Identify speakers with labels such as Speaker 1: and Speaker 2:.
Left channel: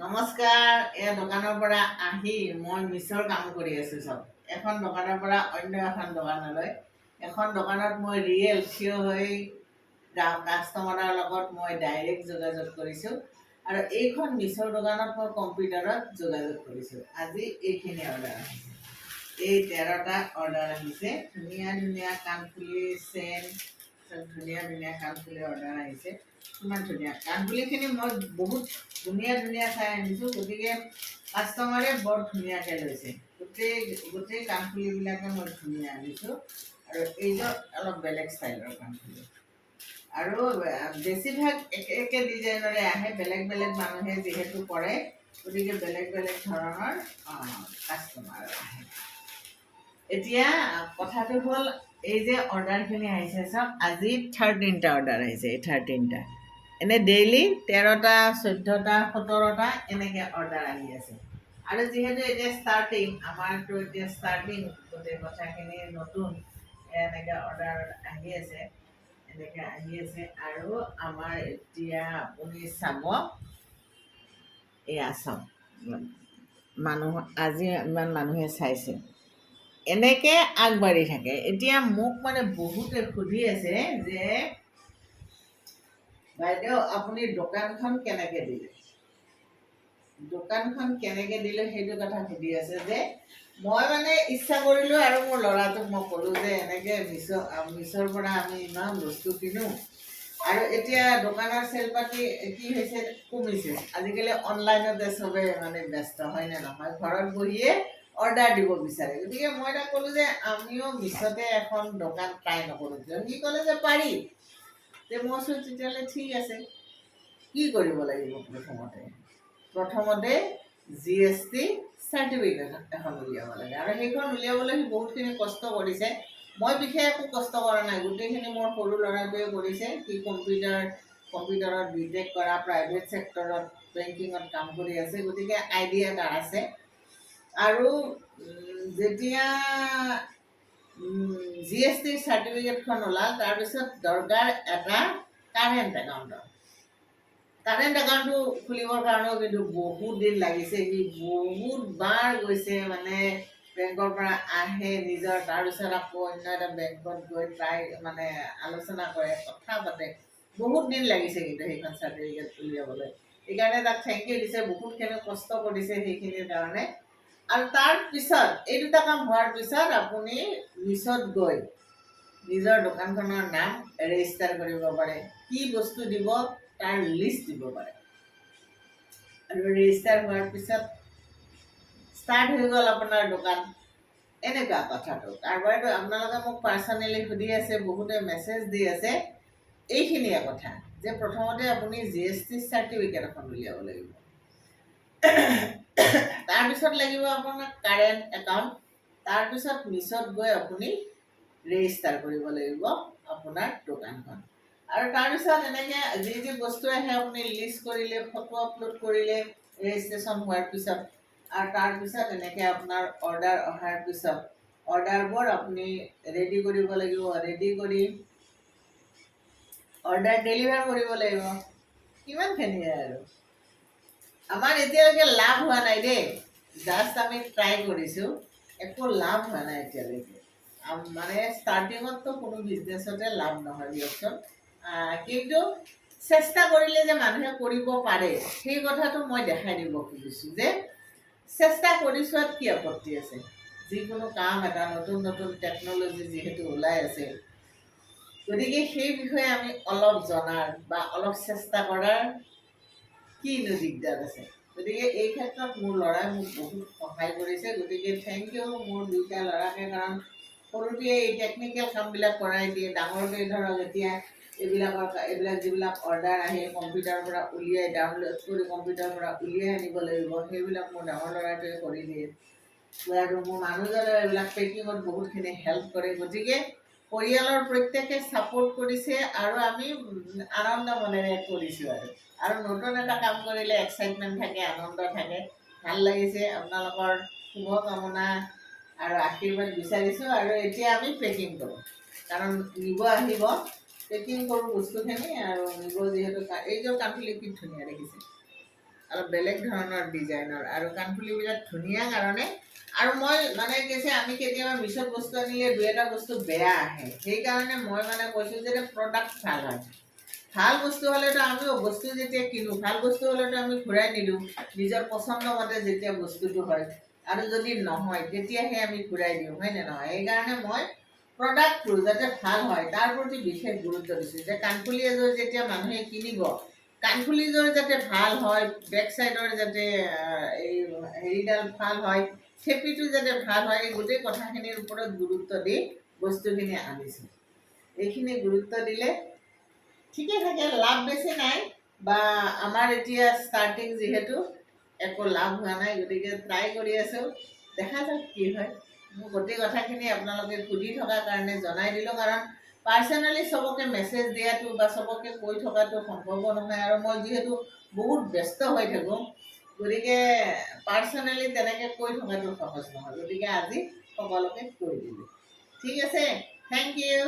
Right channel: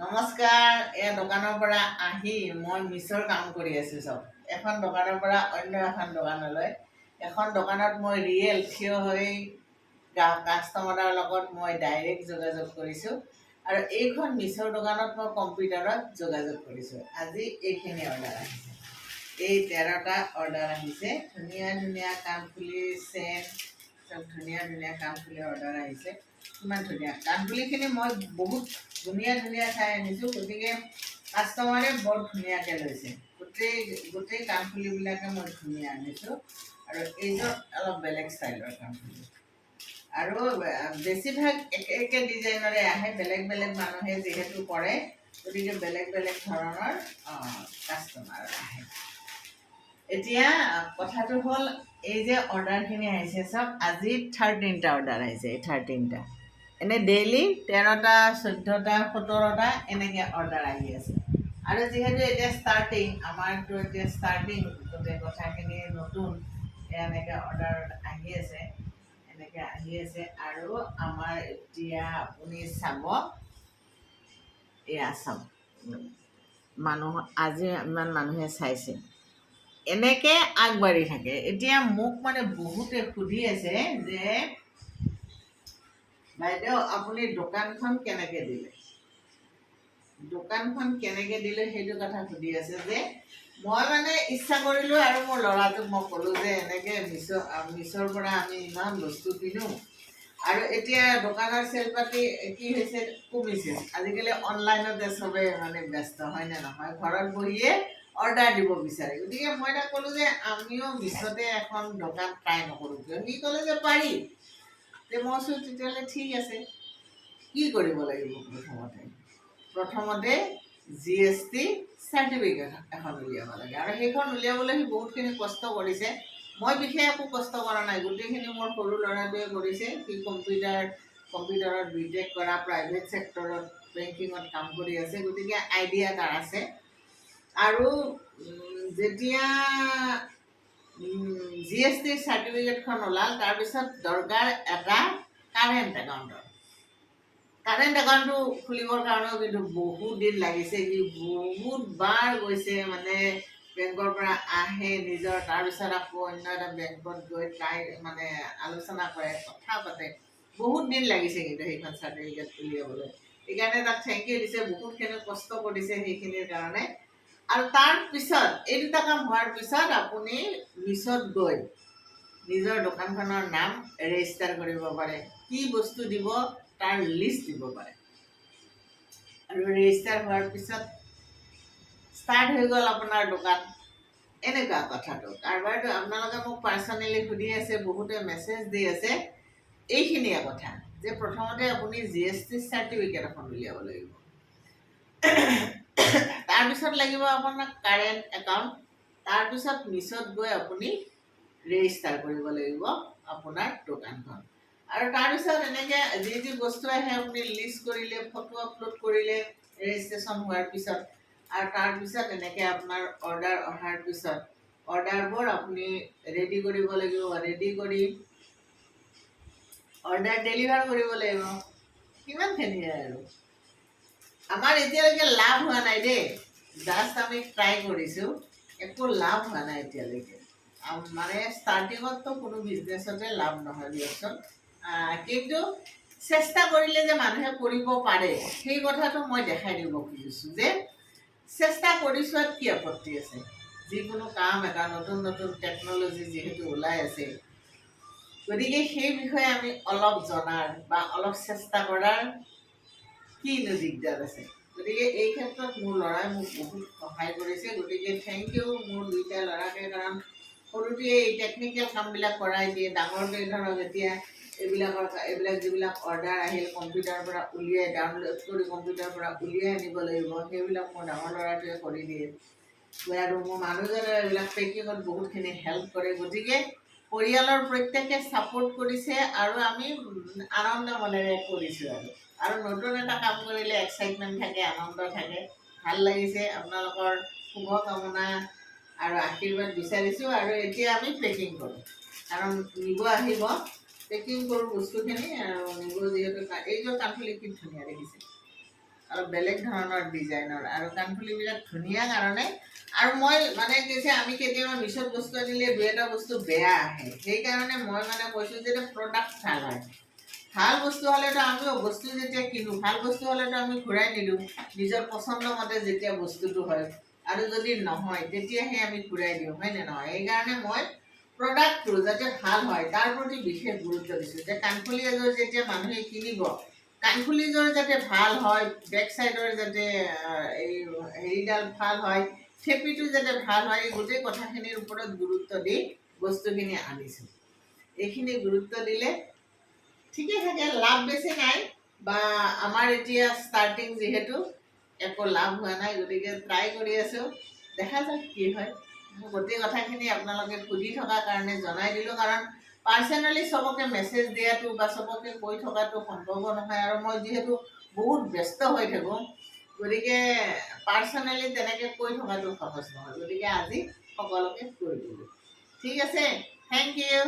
Speaker 1: নমস্কাৰ, এই দোকানৰ পৰা আহি মই মিছৰ কাম কৰি আছোঁ চব। এখন দোকানৰ পৰা অন্য এখন দোকানলৈ। এখন দোকানত মই ৰিয়েল থিয় হৈ কাষ্টমাৰৰ লগত মই ডাইৰেক্ট যোগাযোগ কৰিছোঁ। আৰু এইখন মিছৰ দোকানত মই কম্পিউটাৰত যোগাযোগ কৰিছোঁ। আজি এইখিনি অৰ্ডাৰ আহিছে। এই তেৰটা অৰ্ডাৰ আহিছে। ধুনীয়া ধুনীয়া কাণফুলি চেন চব ধুনীয়া ধুনীয়া কাণফুলি অৰ্ডাৰ আহিছে। ইমান ধুনীয়া। কাণফুলিখিনি মই বহুত ধুনীয়া ধুনীয়া চাই আনিছোঁ, গতিকে কাষ্টমাৰে বৰ ধুনীয়াকৈ লৈছে। গোটেই গোটেই কাণফুলিবিলাকে মই ধুনীয়া আনিছোঁ। আৰু এইযোৰ অলপ বেলেগ ষ্টাইলৰ কাণফুলি আৰু বেছিভাগ একে একে ডিজাইনৰে আহে, বেলেগ বেলেগ মানুহে যিহেতু কৰে, গতিকে বেলেগ বেলেগ ধৰণৰ কাষ্টমাৰ আহে। এতিয়া কথাটো হ'ল এই যে অৰ্ডাৰখিনি আহিছে চাওক আজি থাৰ্টিনটা অৰ্ডাৰ আহিছে এই থাৰ্টিনটা এনেই ডেইলি তেৰটা চৈধ্যটা সোতৰটা এনেকৈ অৰ্ডাৰ আহি আছে। আৰু যিহেতু এতিয়া ষ্টাৰ্টিং আমাৰতো এতিয়া ষ্টাৰ্টিং গোটেই কথাখিনি নতুন এনেকৈ অৰ্ডাৰ আহি আছে এনেকৈ আহি আছে। আৰু আমাৰ এতিয়া আপুনি চাব এয়া চাওক মানুহ আজি ইমান মানুহে চাইছে। এনেকৈ আগবাঢ়ি থাকে। এতিয়া মোক মানে বহুতে সুধি আছে যে, বাইদেউ, আপুনি দোকানখন কেনেকৈ দিলে? দোকানখন কেনেকৈ দিলে সেইটো কথা সুধি আছে যে, মই মানে ইচ্ছা কৰিলোঁ আৰু মোৰ ল'ৰাটোক মই ক'লোঁ যে, এনেকৈ মিছ মিছৰ পৰা আমি ইমান বস্তু কিনো। আৰু এতিয়া দোকানৰ চেল পাতি কি হৈছে, কমিছে। আজিকালি অনলাইনতে চবে মানে ব্যস্ত হয়নে নহয়? ঘৰত বহিয়ে অৰ্ডাৰ দিব বিচাৰে। গতিকে মই তাক ক'লোঁ যে আমিও মিছতে এখন দোকান ট্ৰাই নকৰোঁ কিয়? সি ক'লে যে পাৰি। তে মই কৈছোঁ তেতিয়াহ'লে ঠিক আছে। কি কৰিব লাগিব প্ৰথমতে? প্ৰথমতে জি এছ টি চাৰ্টিফিকেট এখন উলিয়াব লাগে। আৰু সেইখন উলিয়াবলৈ সি বহুতখিনি কষ্ট কৰিছে। মই বিশেষ একো কষ্ট কৰা নাই। গোটেইখিনি মোৰ সৰু ল'ৰাটোৱে কৰিছে। সি কম্পিউটাৰ কম্পিউটাৰত বি টেক কৰা প্ৰাইভেট ছেক্টৰত বেংকিঙত কাম কৰি আছে। গতিকে আইডিয়া তাৰ আছে। আৰু যেতিয়া জি এছ টিৰ চাৰ্টিফিকেটখন ওলাল তাৰপিছত দৰকাৰ এটা কাৰেণ্ট একাউণ্টৰ কাৰেণ্ট একাউণ্টটো খুলিবৰ কাৰণেও কিন্তু বহুত দিন লাগিছে সি বহুত বাৰ গৈছে মানে বেংকৰ পৰা আহে নিজৰ তাৰপিছত আকৌ অন্য এটা বেংকত গৈ ট্ৰাই মানে আলোচনা কৰে কথা পাতে। বহুত দিন লাগিছে কিন্তু সেইখন চাৰ্টিফিকেট উলিয়াবলৈ। সেইকাৰণে তাক থেংক ইউ দিছে বহুতখিনি কষ্ট কৰিছে সেইখিনিৰ কাৰণে। আৰু তাৰ পিছত, এই দুটা কাম হোৱাৰ পিছত আপুনি মিছত গৈ নিজৰ দোকানখনৰ নাম ৰেজিষ্টাৰ কৰিব পাৰে। কি বস্তু দিব তাৰ লিষ্ট দিব পাৰে। আৰু ৰেজিষ্টাৰ হোৱাৰ পিছত ষ্টাৰ্ট হৈ গ'ল আপোনাৰ দোকান। এনেকুৱা কথাটো। কাৰোবাৰতো আপোনালোকে মোক পাৰ্চনেলি সুধি আছে, বহুতে মেছেজ দি আছে। এইখিনিয়ে কথা, যে প্ৰথমতে আপুনি জি এছ টি চাৰ্টিফিকেট এখন উলিয়াব লাগিব। তাৰপিছত লাগিব আপোনাক কাৰেণ্ট একাউণ্ট তাৰপিছত মিছত গৈ আপুনি ৰেজিষ্টাৰ কৰিব লাগিব আপোনাৰ দোকানখন। আৰু তাৰপিছত এনেকৈ যি যি বস্তু আহে আপুনি লিষ্ট কৰিলে ফটো আপলোড কৰিলে ৰেজিষ্ট্ৰেশ্যন হোৱাৰ পিছত আৰু তাৰপিছত এনেকৈ আপোনাৰ অৰ্ডাৰ অহাৰ পিছত অৰ্ডাৰবোৰ আপুনি ৰেডি কৰিব লাগিব ৰেডি কৰি অৰ্ডাৰ ডেলিভাৰ কৰিব লাগিব। কিমানখিনিয়ে আৰু? আমাৰ এতিয়ালৈকে লাভ হোৱা নাই দেই। জাষ্ট আমি ট্ৰাই কৰিছোঁ একো লাভ হোৱা নাই এতিয়ালৈকে। মানে ষ্টাৰ্টিঙততো কোনো বিজনেছতে লাভ নহয় দিয়কচোন। কিন্তু চেষ্টা কৰিলে যে মানুহে কৰিব পাৰে, সেই কথাটো মই দেখাই দিব খুজিছোঁ যে, চেষ্টা কৰি চোৱাত কি আপত্তি আছে? যিকোনো কাম এটা, নতুন নতুন টেকন'লজি যিহেতু ওলাই আছে, গতিকে সেই বিষয়ে আমি অলপ জনাৰ বা অলপ চেষ্টা কৰাৰ কিনো দিগদাৰ আছে? গতিকে এই ক্ষেত্ৰত মোৰ ল'ৰাই মোক বহুত সহায় কৰিছে। গতিকে থেংক ইউ মোৰ দুইটা ল'ৰাকে, কাৰণ সৰুতে এই টেকনিকেল কামবিলাক কৰাই দিয়ে। ডাঙৰকৈ ধৰক এতিয়া এইবিলাকৰ এইবিলাক যিবিলাক অৰ্ডাৰ আহিল কম্পিউটাৰৰ পৰা উলিয়াই ডাউনলোড কৰি কম্পিউটাৰৰ পৰা উলিয়াই আনিব লাগিব, সেইবিলাক মোৰ ডাঙৰ ল'ৰাটোৱে কৰি দিয়ে। আৰু মোৰ মানুহজনেও এইবিলাক পেকিঙত বহুতখিনি হেল্প কৰে। গতিকে পৰিয়ালৰ প্ৰত্যেকে ছাপোৰ্ট কৰিছে আৰু আমি আনন্দ মনেৰে কৰিছোঁ আৰু। আৰু নতুন এটা কাম কৰিলে এক্সাইটমেণ্ট থাকে, আনন্দ থাকে। ভালো লাগিছে, আপোনালোকৰ শুভকামনা আৰু আশীৰ্বাদ বিচাৰিছোঁ আৰু এতিয়া আমি পেকিং কৰোঁ। কাৰণ নিব আহিব পেকিং কৰোঁ বস্তুখিনি আৰু নিব যিহেতু এইযোৰ কাণফুলি কি ধুনীয়া দেখিছে। অলপ বেলেগ ধৰণৰ ডিজাইনৰ আৰু কাণফুলিবিলাক ধুনীয়া কাৰণে আৰু মই মানে কি হৈছে, আমি কেতিয়াবা মিছত বস্তু আনিলে দুই এটা বস্তু বেয়া আহে। সেইকাৰণে মই মানে কৈছোঁ যে প্ৰডাক্ট ভালো হয়। ভালো বস্তু হ'লেতো আমিও বস্তু যেতিয়া কিনো, ভালো বস্তু হ'লেতো আমি ঘূৰাই নিদিওঁ, নিজৰ পচন্দ মতে যেতিয়া বস্তুটো হয়। আৰু যদি নহয়, তেতিয়াহে আমি ঘূৰাই দিওঁ, হয় নে নহয়? সেইকাৰণে মই প্ৰডাক্টটো যাতে ভালো হয়, তাৰ প্ৰতি বিশেষ গুৰুত্ব দিছোঁ। যে কাণফুলি এযোৰ যেতিয়া মানুহে কিনিব কাণফুলিযোৰ যাতে ভালো হয় বেক চাইডৰ যাতে এই হেৰিডাল ভালো হয়, থেপিটো যাতে ভালো হয়, এই গোটেই কথাখিনিৰ ওপৰত গুৰুত্ব দি বস্তুখিনি আনিছোঁ। এইখিনি গুৰুত্ব দিলে ঠিকে থাকে, লাভ বেছি নাই বা আমাৰ এতিয়া ষ্টাৰ্টিং যিহেতু একো লাভ হোৱা নাই, গতিকে ট্ৰাই কৰি আছোঁ। দেখা যাওক কি হয়। মোৰ গোটেই কথাখিনি আপোনালোকে সুধি থকাৰ কাৰণে জনাই দিলোঁ, কাৰণ পাৰ্চনেলি চবকে মেছেজ দিয়াটো বা চবকে কৈ থকাটো সম্ভৱ নহয় আৰু মই যিহেতু বহুত ব্যস্ত হৈ থাকোঁ, গতিকে পাৰ্চনেলি তেনেকৈ কৈ থকাটো সহজ নহয়। গতিকে আজি সকলোকে কৈ দিলোঁ। ঠিক আছে? Thank you